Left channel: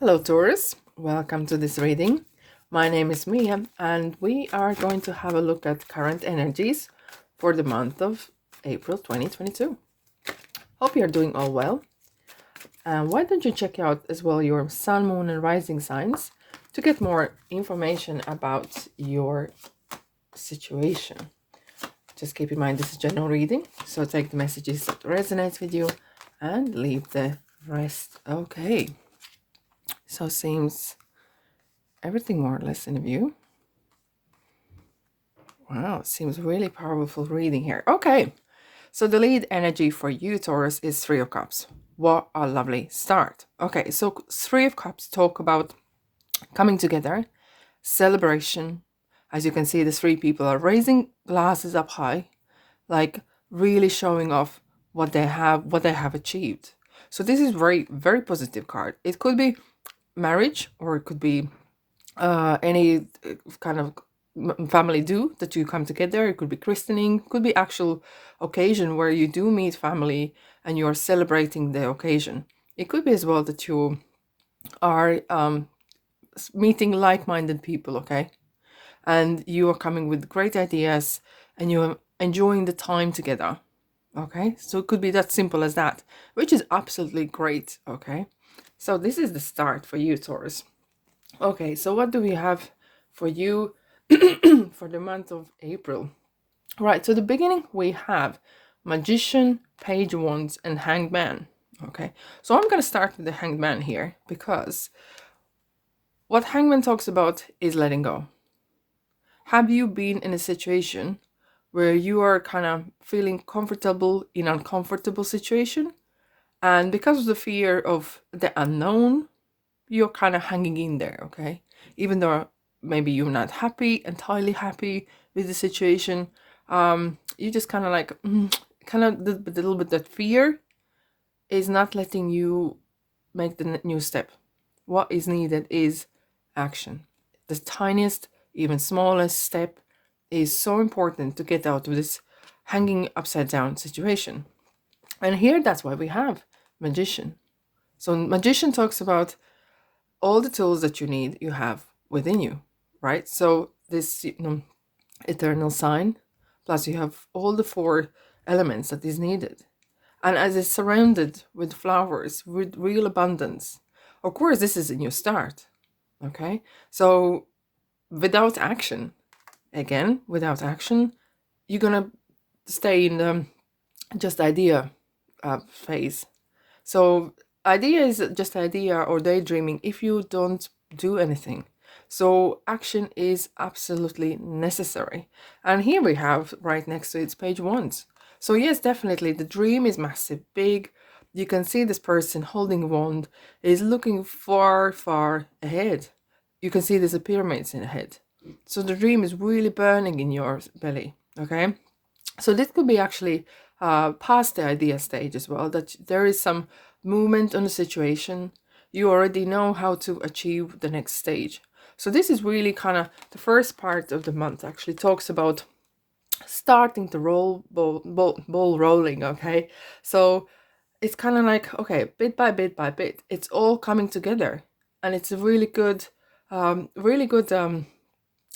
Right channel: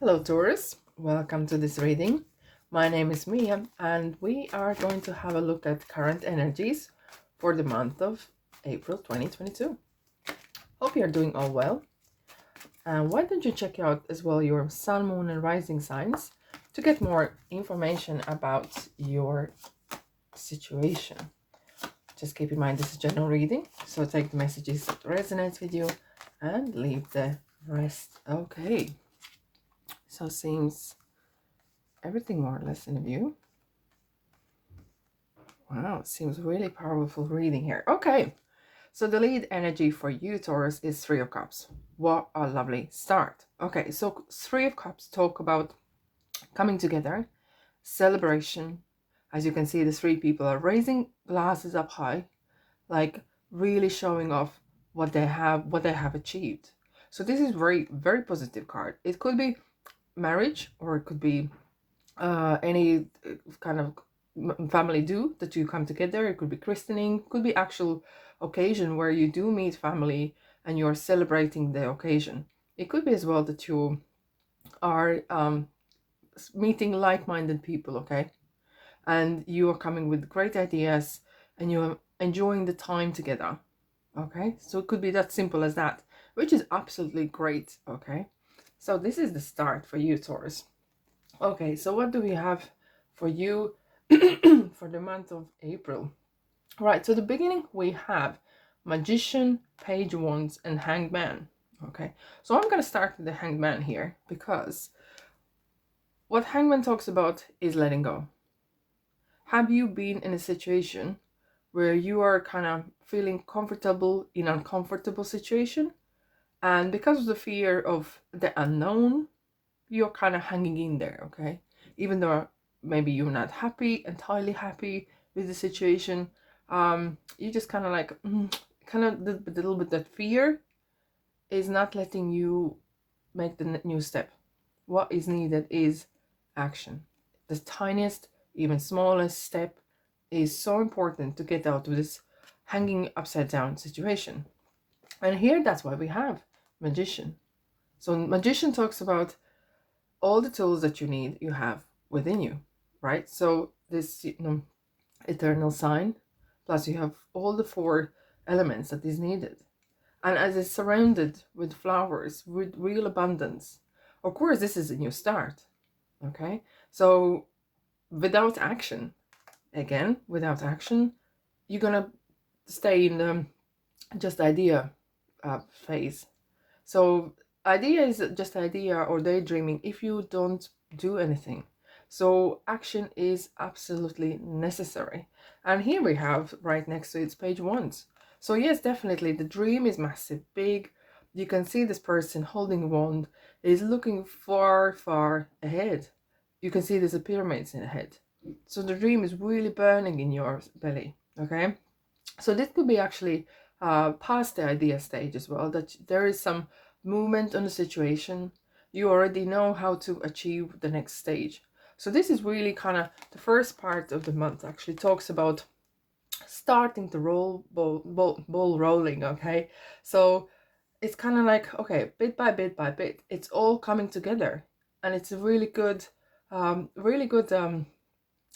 Hello, Taurus. Welcome to this reading. My name is Mia, and we are going to have a look at current energies for the month of April 2022. Hope you're doing all well. And why don't you check out as well your sun, moon, and rising signs to get more information about your situation? Just keep in mind this is general reading, so take the messages that resonate with you and leave the rest. Okay. So seems everything more or less in view. Wow, seems really powerful reading here. Okay, so the lead energy for you, Taurus, is Three of Cups. What a lovely start. Okay, so Three of Cups talk about coming together, celebration. As you can see, the three people are raising glasses up high, like really showing off what they have achieved. So this is very positive card. It could be marriage, or it could be any kind of family do that you come together. It could be christening, could be actual occasion where you do meet family and you're celebrating the occasion. It could be as well that you are meeting like-minded people, okay, and you are coming with great ideas and you're enjoying the time together. Okay, so it could be that simple as that, which is absolutely great. Okay, so this is the start for you, Taurus. Okay, so what do we have for you for the month of April? Right, so the beginning we have Magician, Page of Wands, and Hanged Man. Okay, so I'm going to start with the Hanged Man here because what Hanged Man talks about is letting go. Have you been in a situation where you are kind of feeling comfortable in an uncomfortable situation? And because of the fear of the unknown, you're kind of hanging in there, okay? Even though maybe you're not entirely happy with the situation, you just kind of like, kind of the little bit that fear is not letting you make the new step. What is needed is action. The tiniest, even smallest step is so important to get out of this hanging upside down situation. And here, that's why we have Magician. So, Magician talks about all the tools that you have within you, right? So this eternal sign, plus you have all the four elements that is needed, and as it's surrounded with flowers with real abundance. Of course, this is a new start. Okay, so without action, again, without action, you're gonna stay in the just idea phase. So idea is just idea or daydreaming if you don't do anything. So action is absolutely necessary. And here we have right next to it's Page Wands. So yes, definitely the dream is massive, big. You can see this person holding a wand is looking far, far ahead. You can see there's a pyramids in ahead. So the dream is really burning in your belly. Okay. So this could be actually past the idea stage as well, that there is some movement on the situation. You already know how to achieve the next stage. So this is really kind of the first part of the month actually talks about starting to ball rolling, okay? So it's kind of like, okay, bit by bit by bit, it's all coming together. And it's a really good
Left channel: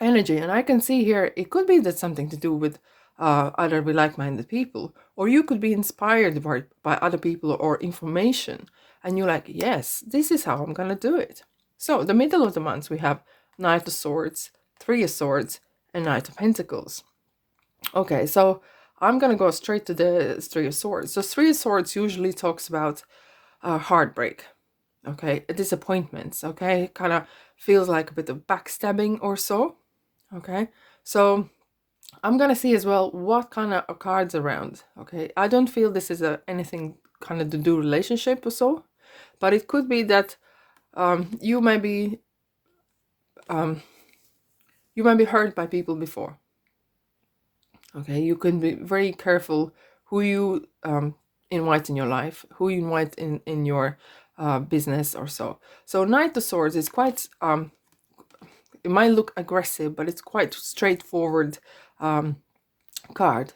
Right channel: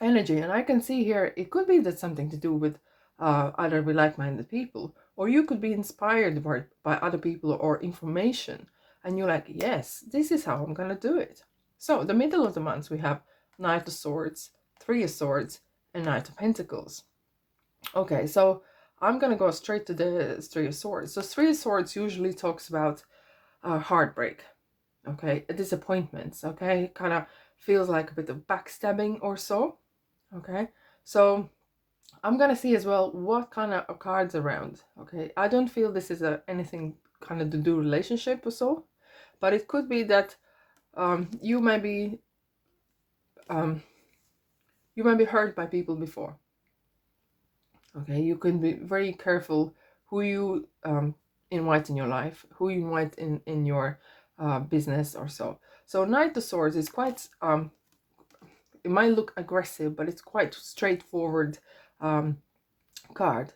energy. And I can see here it could be that something to do with either with like-minded people, or you could be inspired by other people or information, and you're like, yes, this is how I'm gonna do it. So the middle of the month we have Knight of Swords, Three of Swords, and Knight of Pentacles. Okay, so I'm gonna go straight to the Three of Swords. So Three of Swords usually talks about heartbreak, okay, disappointments, okay, kind of feels like a bit of backstabbing or so. Okay, so I'm gonna see as well what kind of cards around. Okay, I don't feel this is anything kind of to do relationship or so, but it could be that you might be hurt by people before. Okay, you can be very careful who you invite in your life, who you invite in your business or so. So Knight of Swords is quite it might look aggressive, but it's quite straightforward card.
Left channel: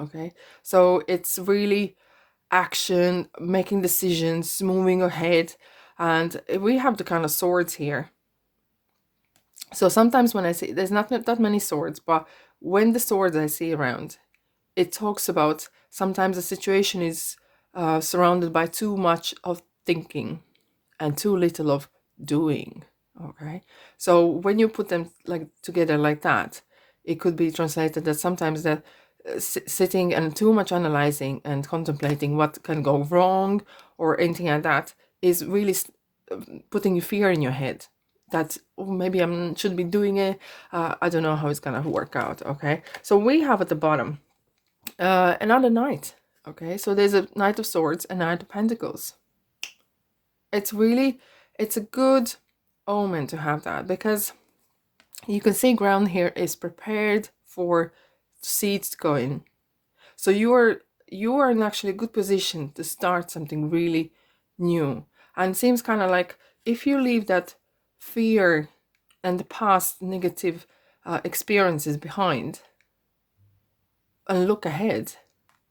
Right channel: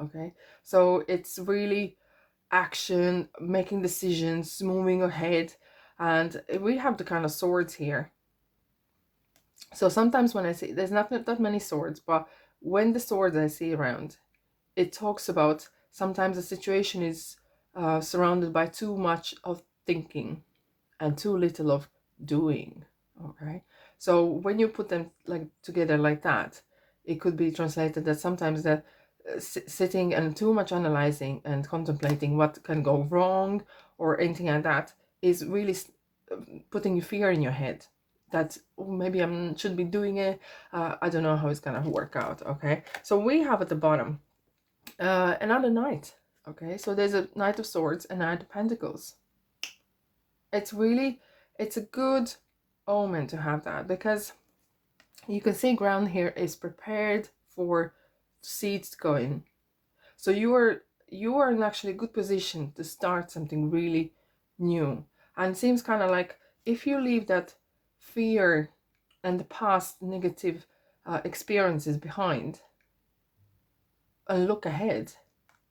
Okay, so it's really action, making decisions, moving ahead, And we have the kind of swords here. So sometimes when I see, there's not that many swords, but when the swords I see around, it talks about sometimes the situation is surrounded by too much of thinking and too little of doing. Okay, so when you put them like together like that, it could be translated that sometimes that sitting and too much analyzing and contemplating what can go wrong or anything like that is really putting fear in your head that, oh, maybe I shouldn't be doing it. I don't know how it's gonna work out. Okay, so we have at the bottom another knight. Okay, so there's a Knight of Swords and Knight of Pentacles. It's really, it's a good omen to have that, because you can see ground here is prepared for seeds to go in. So you are in actually a good position to start something really new. And it seems kind of like if you leave that fear and the past negative experiences behind and look ahead,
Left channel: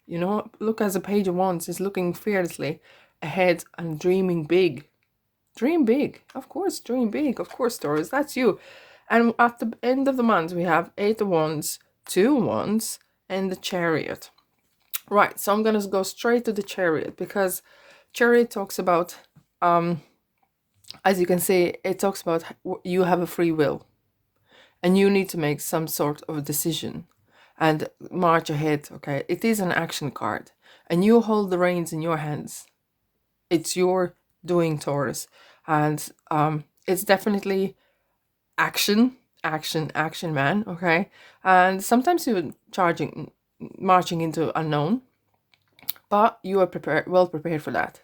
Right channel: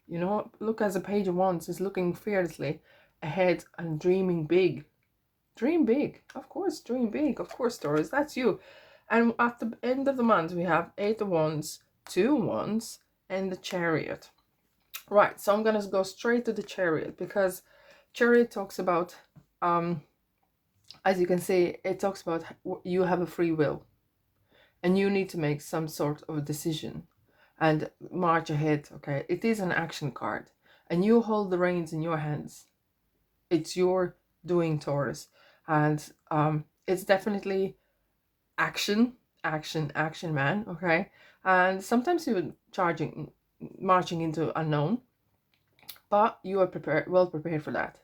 look as a Page of Wands is looking fearlessly ahead and dreaming big. Dream big, of course, dream big, of course, Taurus, that's you. And at the end of the month, we have 8 of Wands, 2 Wands, and the Chariot. Right, so I'm going to go straight to the Chariot, because Chariot talks about, as you can see, it talks about you have a free will. And you need to make some sort of a decision and march ahead, okay? It is an action card. And you hold the reins in your hands. It's your doing, Taurus. And it's definitely action, man, okay? And sometimes you're marching into unknown, but you are well prepared for that,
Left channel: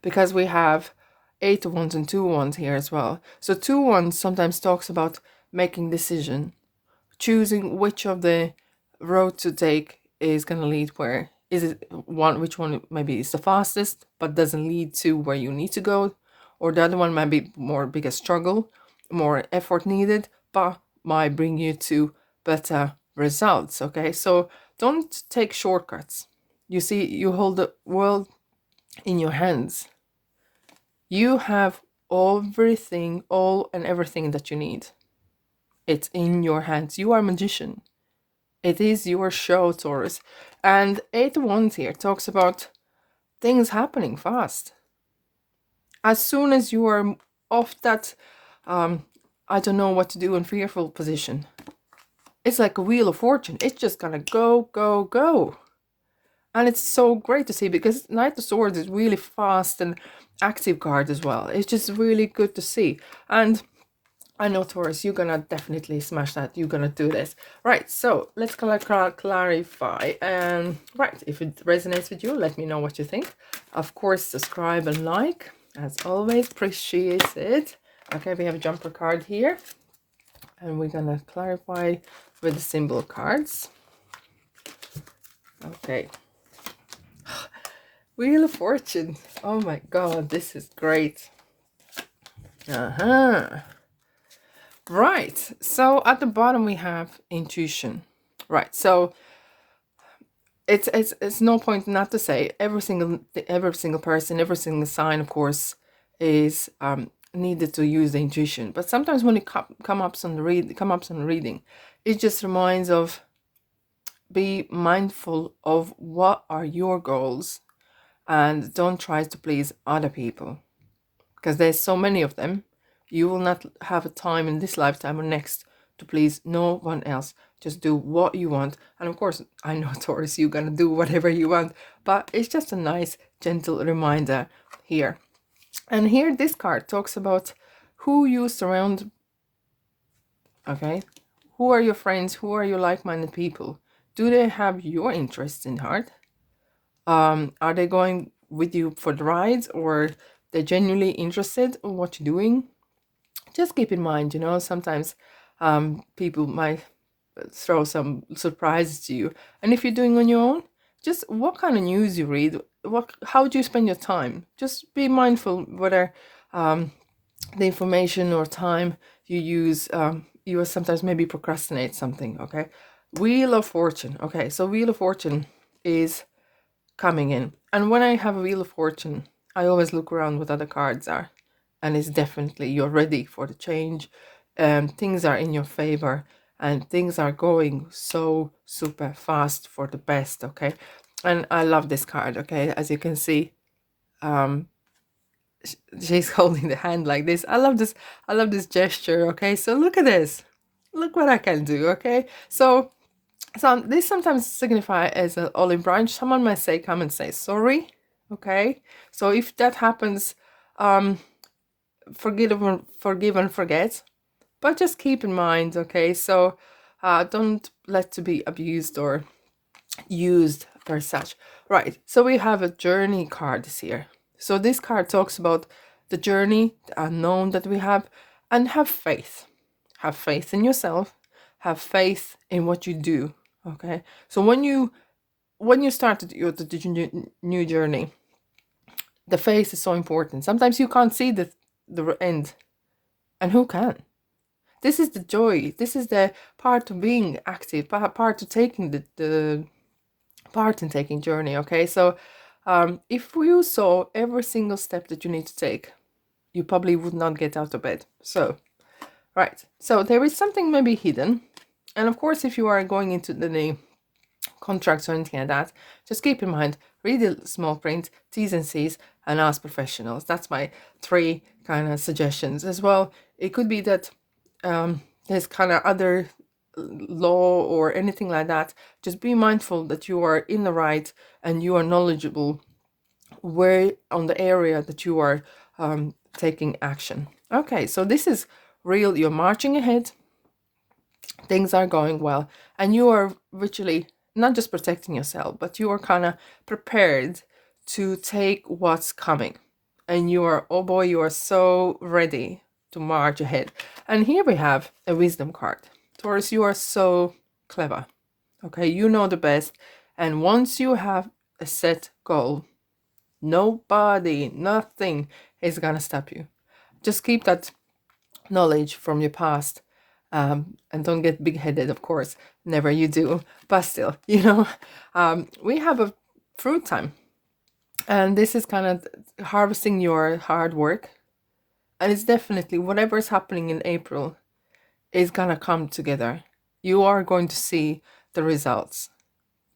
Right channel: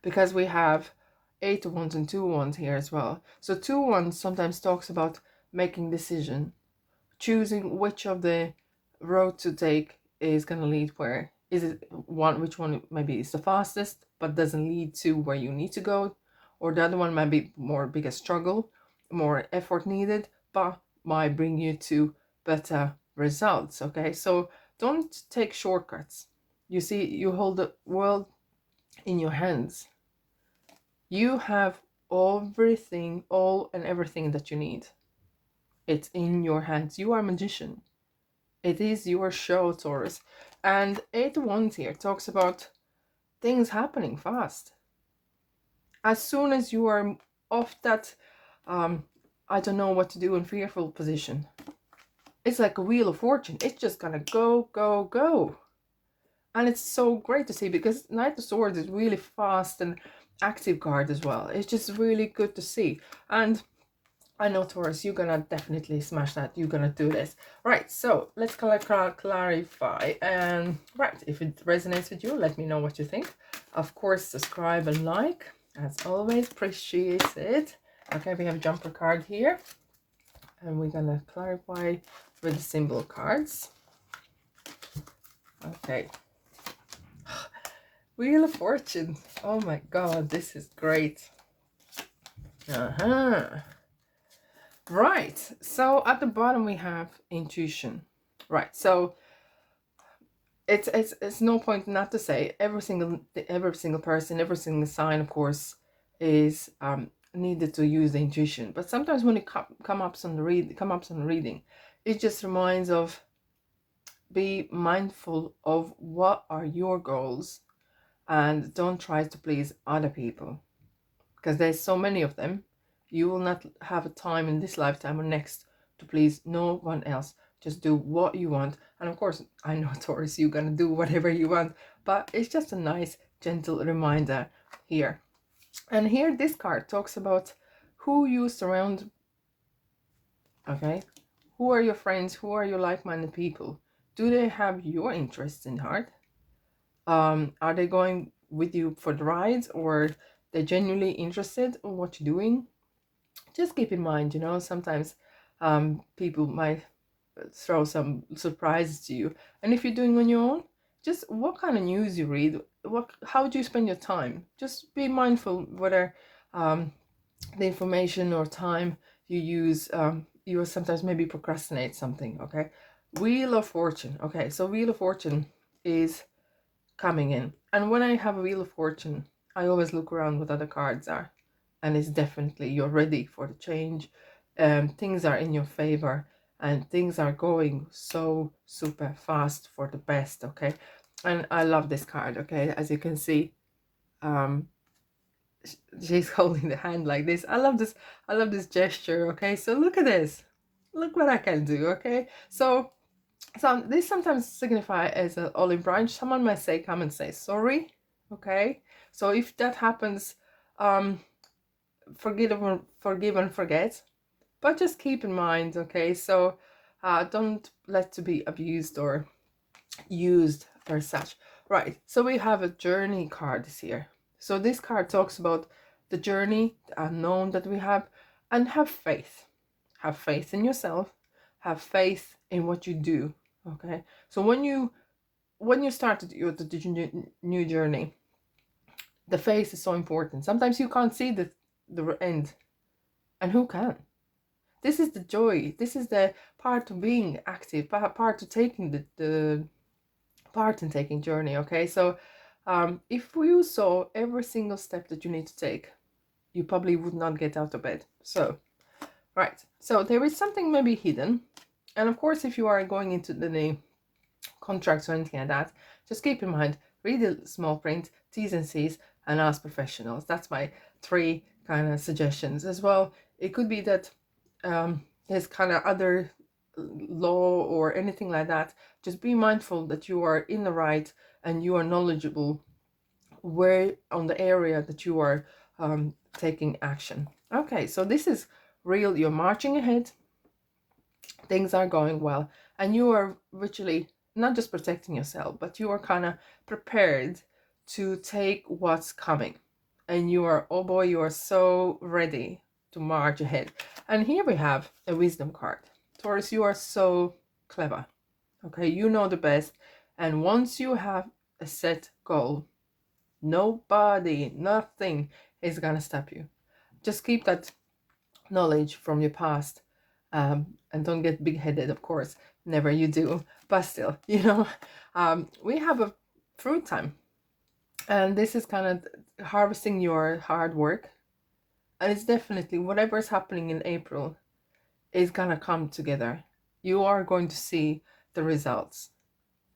because we have 8 of Wands and 2 Wands here as well. So 2 Wands sometimes talks about making decision, choosing which of the road to take is going to lead where. Is it which one maybe is the fastest but doesn't lead to where you need to go, or the other one might be more bigger struggle, more effort needed, but might bring you to better results. Okay, so don't take shortcuts. You see, you hold the world in your hands. You have everything, all and everything that you need. It's in your hands. You are a magician. It is your show, Taurus. And 8 of Wands here talks about things happening fast. As soon as you are off that, I don't know what to do in fearful position, it's like a wheel of fortune. It's just gonna go, go, go. And it's so great to see, because Knight of Swords is really fast and active card as well. It's just really good to see. And I know, Taurus, you're gonna definitely smash that. You're gonna do this. Right, so let's clarify. Right, if it resonates with you, let me know what you think. Of course, subscribe and like. As always, appreciate it. Okay, we have a jumper card here. And we're gonna clarify with the symbol cards. Okay. Wheel of Fortune. Oh my god, this is great. Right, so at the bottom we have intuition. Right, so it's no point not to say every single person, every single sign, of course, is needed to use the intuition. But sometimes when it comes up on the reading, it just reminds of, be mindful of what are your goals, and don't try to please other people, because there's so many of them. You will not have a time in this lifetime or next to please no one else. Just do what you want. And of course, I know, Taurus, you're gonna do whatever you want, but it's just a nice gentle reminder here. And here this card talks about who you surround. Okay, who are your friends? Who are your like-minded people? Do they have your interests in heart? Are they going with you for the rides, or they're genuinely interested in what you're doing? Just keep in mind, sometimes people might throw some surprises to you. And if you're doing on your own, just what kind of news you read, how do you spend your time? Just be mindful whether the information or time you use, you will sometimes maybe procrastinate something. Okay, Wheel of Fortune. Okay, so Wheel of Fortune is coming in, and when I have a Wheel of Fortune, I always look around what other cards are. and it's definitely you're ready for the change. Things are in your favor, and things are going so super fast for the best. Okay, and I love this card. Okay, as you can see, um, she's holding the hand like this. I love this. I love this gesture. Okay, so look at this. Look what I can do. Okay, so this sometimes signify as an olive branch. Someone might say, come and say sorry. Okay, so if that happens, um, forgive and forget. But just keep in mind, okay, so don't let to be abused or used or such. Right, so we have a journey card this year. So this card talks about the journey, the unknown that we have, and have faith. Have faith in yourself, have faith in what you do. Okay, so when you start the new journey, the faith is so important. Sometimes you can't see the end, and who can? This is the joy. This is the part of being active, part of taking the part in taking journey. Okay, so if you saw every single step that you need to take, you probably would not get out of bed. So right, so there is something maybe hidden, and of course, if you are going into the contracts or anything like that, just keep in mind, read the small print, T's and C's, and ask professionals. That's my 3 kind of suggestions as well. It could be that there's kind of other law or anything like that. Just be mindful that you are in the right and you are knowledgeable where on the area that you are taking action. Okay, so this is real. You're marching ahead, things are going well, and you are virtually not just protecting yourself, but you are kind of prepared to take what's coming. And you are, oh boy, you are so ready to march ahead. And here we have a wisdom card. Taurus, you are so clever. Okay, you know the best. And once you have a set goal, nobody, nothing is gonna stop you. Just keep that knowledge from your past, and don't get big-headed, of course, never you do, but still, we have a fruit time, and this is kind of harvesting your hard work, and it's definitely whatever is happening in April is gonna come together. You are going to see the results,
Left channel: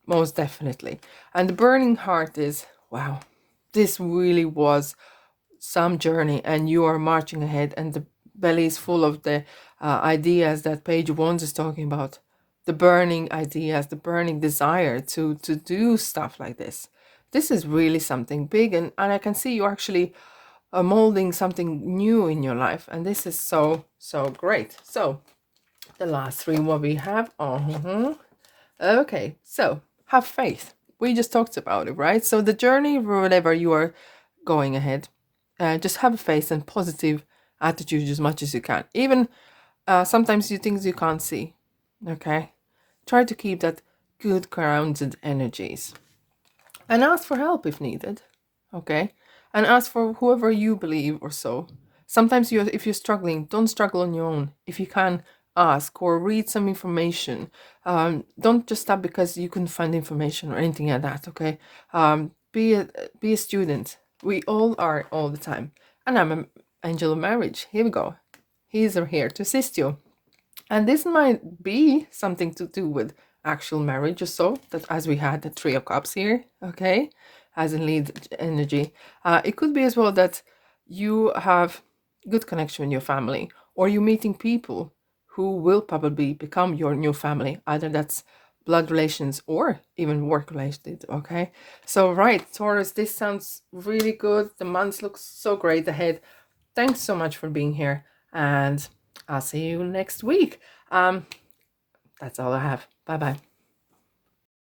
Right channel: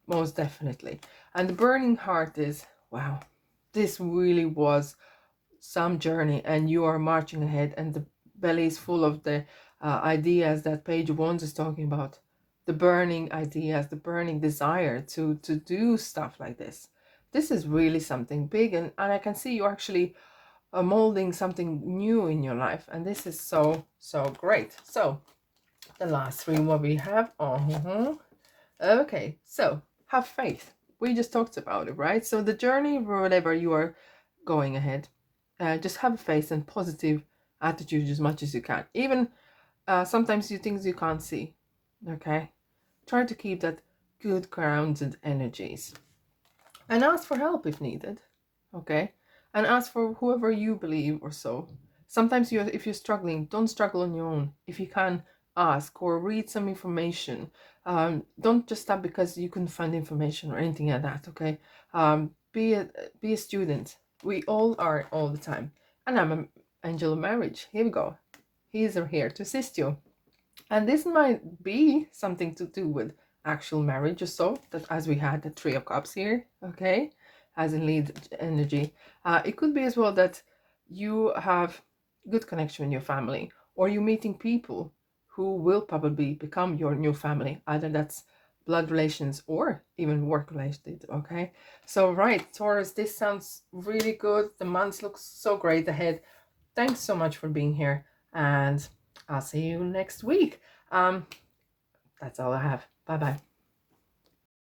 most definitely. And the burning heart is, wow, this really was some journey, and you are marching ahead, and the belly is full of the ideas that page 1 is talking about, the burning ideas, the burning desire to do stuff like this. This is really something big, and I can see you actually molding something new in your life, and this is so great. So the last 3 what we have, okay, so have faith. We just talked about it, right? So the journey, whatever you are going ahead, just have faith and positive attitude as much as you can. Even sometimes you things you can't see. Okay, try to keep that good grounded energies, and ask for help if needed. Okay, and ask for whoever you believe or so. Sometimes if you're struggling, don't struggle on your own. If you can, ask or read some information. Don't just stop because you couldn't find information or anything like that. Okay, be a student. We all are all the time. And I'm an angel of marriage. Here we go. He's here to assist you. And this might be something to do with actual marriage or so, that as we had the 3 of Cups here, okay, as in lead energy. It could be as well that you have good connection with your family, or you're meeting people who will probably become your new family. Either that's blood relations or even work related. Okay, so right, Taurus, this sounds really good. The month looks so great ahead. Thanks so much for being here, and I'll see you next week. That's all I have. Bye bye.